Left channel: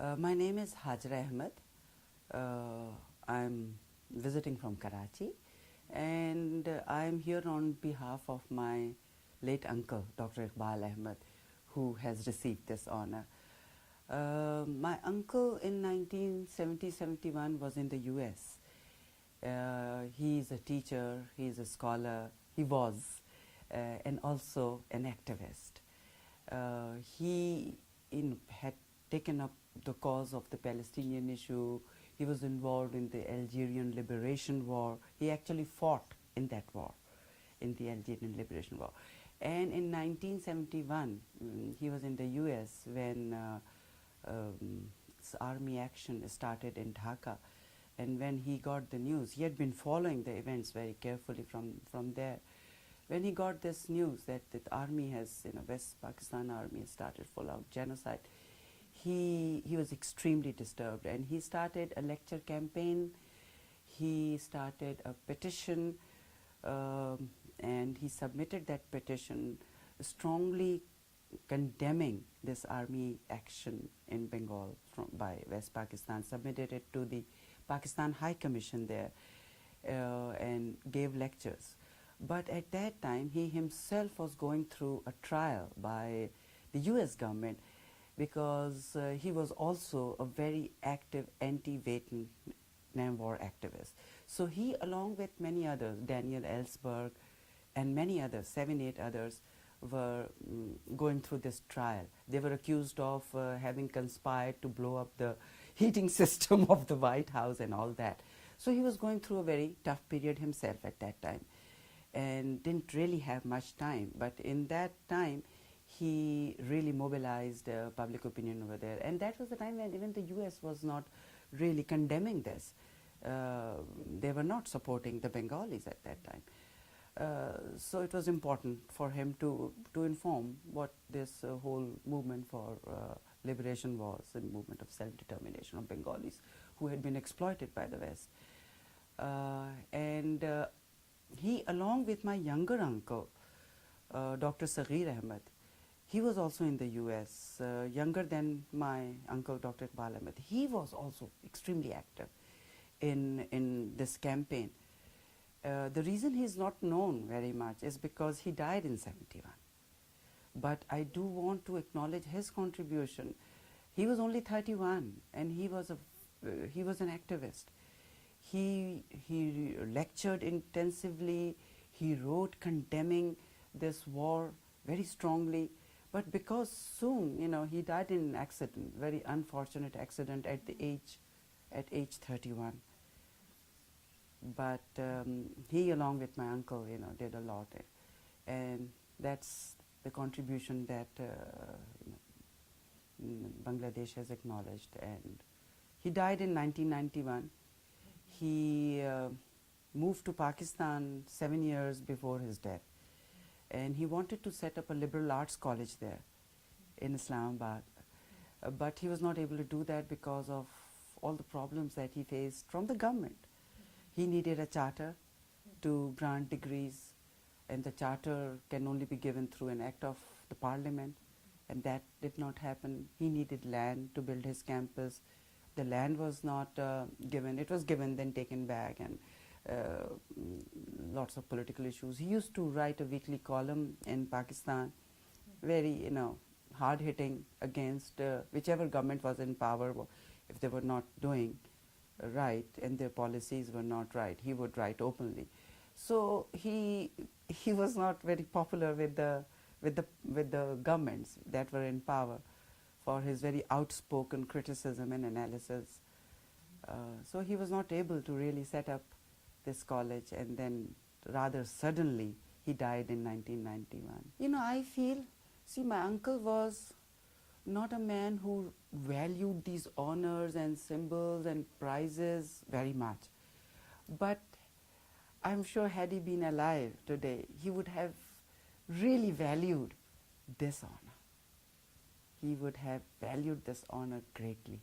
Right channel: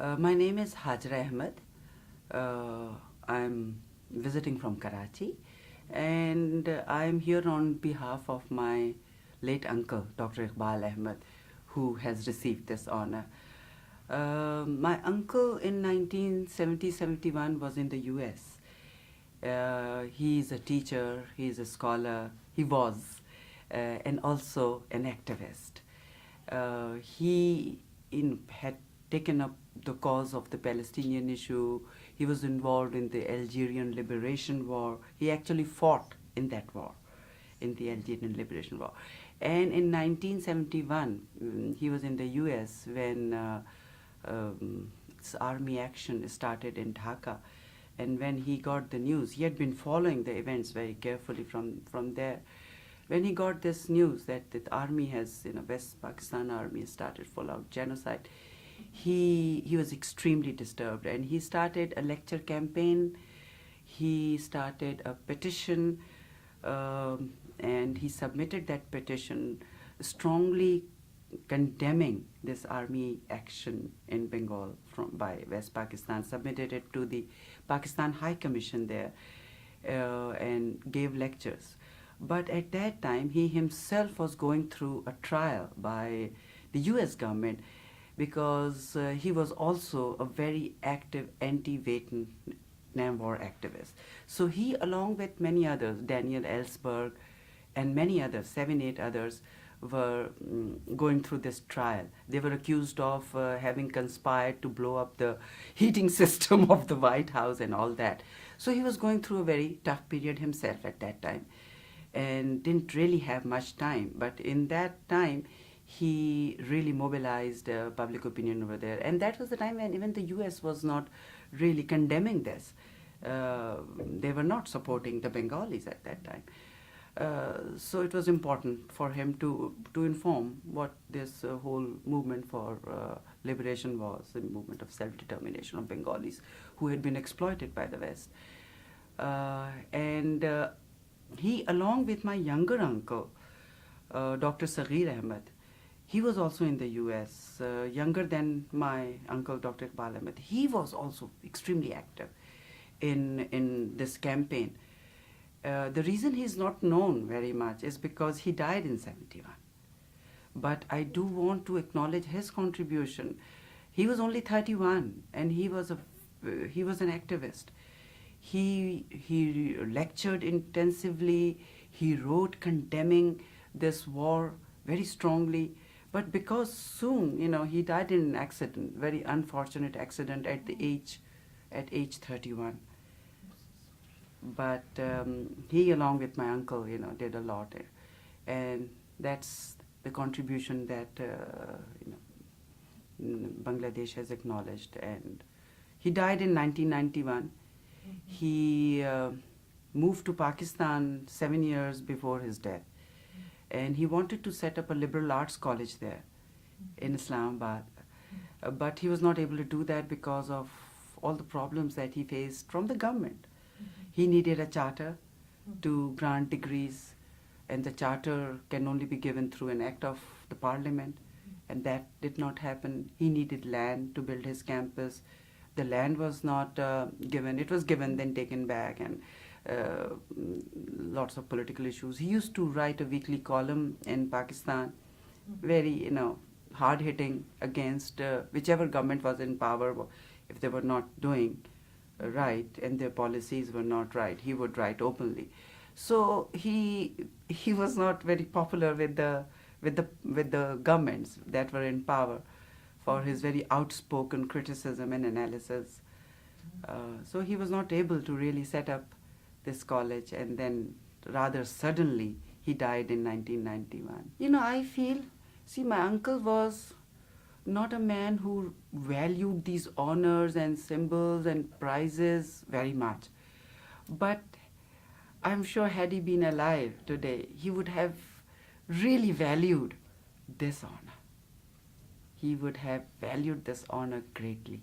My name is Hajra Ahmed. I'm visiting from Karachi, and I'm here on behalf of my late uncle, Dr. Eqbal Ahmed, who has received this honor. My uncle in 1970-71 was in the US. He is a teacher, he is a scholar, he was, and also an activist. He had taken up the cause of the Palestinian issue. He was involved in the Algerian Liberation War. He actually fought in that war, in the Algerian Liberation War. And in 1971, he was in the US when army action started in Dhaka. And when he got the news, he had been following the events very carefully from there. When he got this news that the army has, West Pakistan army has started full-out genocide, he was extremely disturbed, and he started a lecture campaign. He started a petition, and he submitted that petition strongly condemning this army action in Bengal by West Pakistan, submitted it to the Pakistan High Commission there, and gave lectures. But at that time, he himself was going through a trial by the US government because he was also a very active anti-Vietnam War activist. So he, along with many others, Daniel Ellsberg and many others, 7, 8 others, were going through this trial. They were accused of having conspired to blow up the heating system of the White House and all that. So he was going through a very tough period himself at that time and didn't really have much time. But in that time, he really mobilized public opinion over there. And that was the time when even the US was not really condemning this. They were not supporting the Bengalis at that time. So it was important for him to inform what this whole movement for liberation was, the movement of self-determination of Bengalis who had been exploited by the West. And he, along with my younger uncle, Dr. Saghir Ahmed, he was also in the US, younger than my uncle, Dr. Eqbal Ahmed. He was also extremely active in this campaign. The reason he's not known very much is because he died in 71. But I do want to acknowledge his contribution. He was only 31, and he was an activist. He lectured intensively. He wrote condemning this war very strongly. But because soon, he died in an accident, very unfortunate accident at age 31. But he, along with my uncle, did a lot, and that's the contribution that Bangladesh has acknowledged. And he died in 1991. He moved to Pakistan 7 years before his death, and he wanted to set up a liberal arts college there in Islamabad, but he was not able to do that because of all the problems that he faced from the government. He needed a charter to grant degrees, and the charter can only be given through an act of the parliament, and that did not happen. He needed land to build his campus. The land was not given. It was given, then taken back, and lots of political issues. He used to write a weekly column in Pakistan, very, hard-hitting against whichever government was in power. If they were not doing right and their policies were not right, he would write openly. So he was not very popular with the governments that were in power for his very outspoken criticism and analysis. So he was not able to really set up this college, and then rather suddenly he died in 1991. I feel, my uncle was not a man who valued these honors and symbols and prizes very much. But I'm sure had he been alive today, he would have really valued this honor. He would have valued this honor greatly.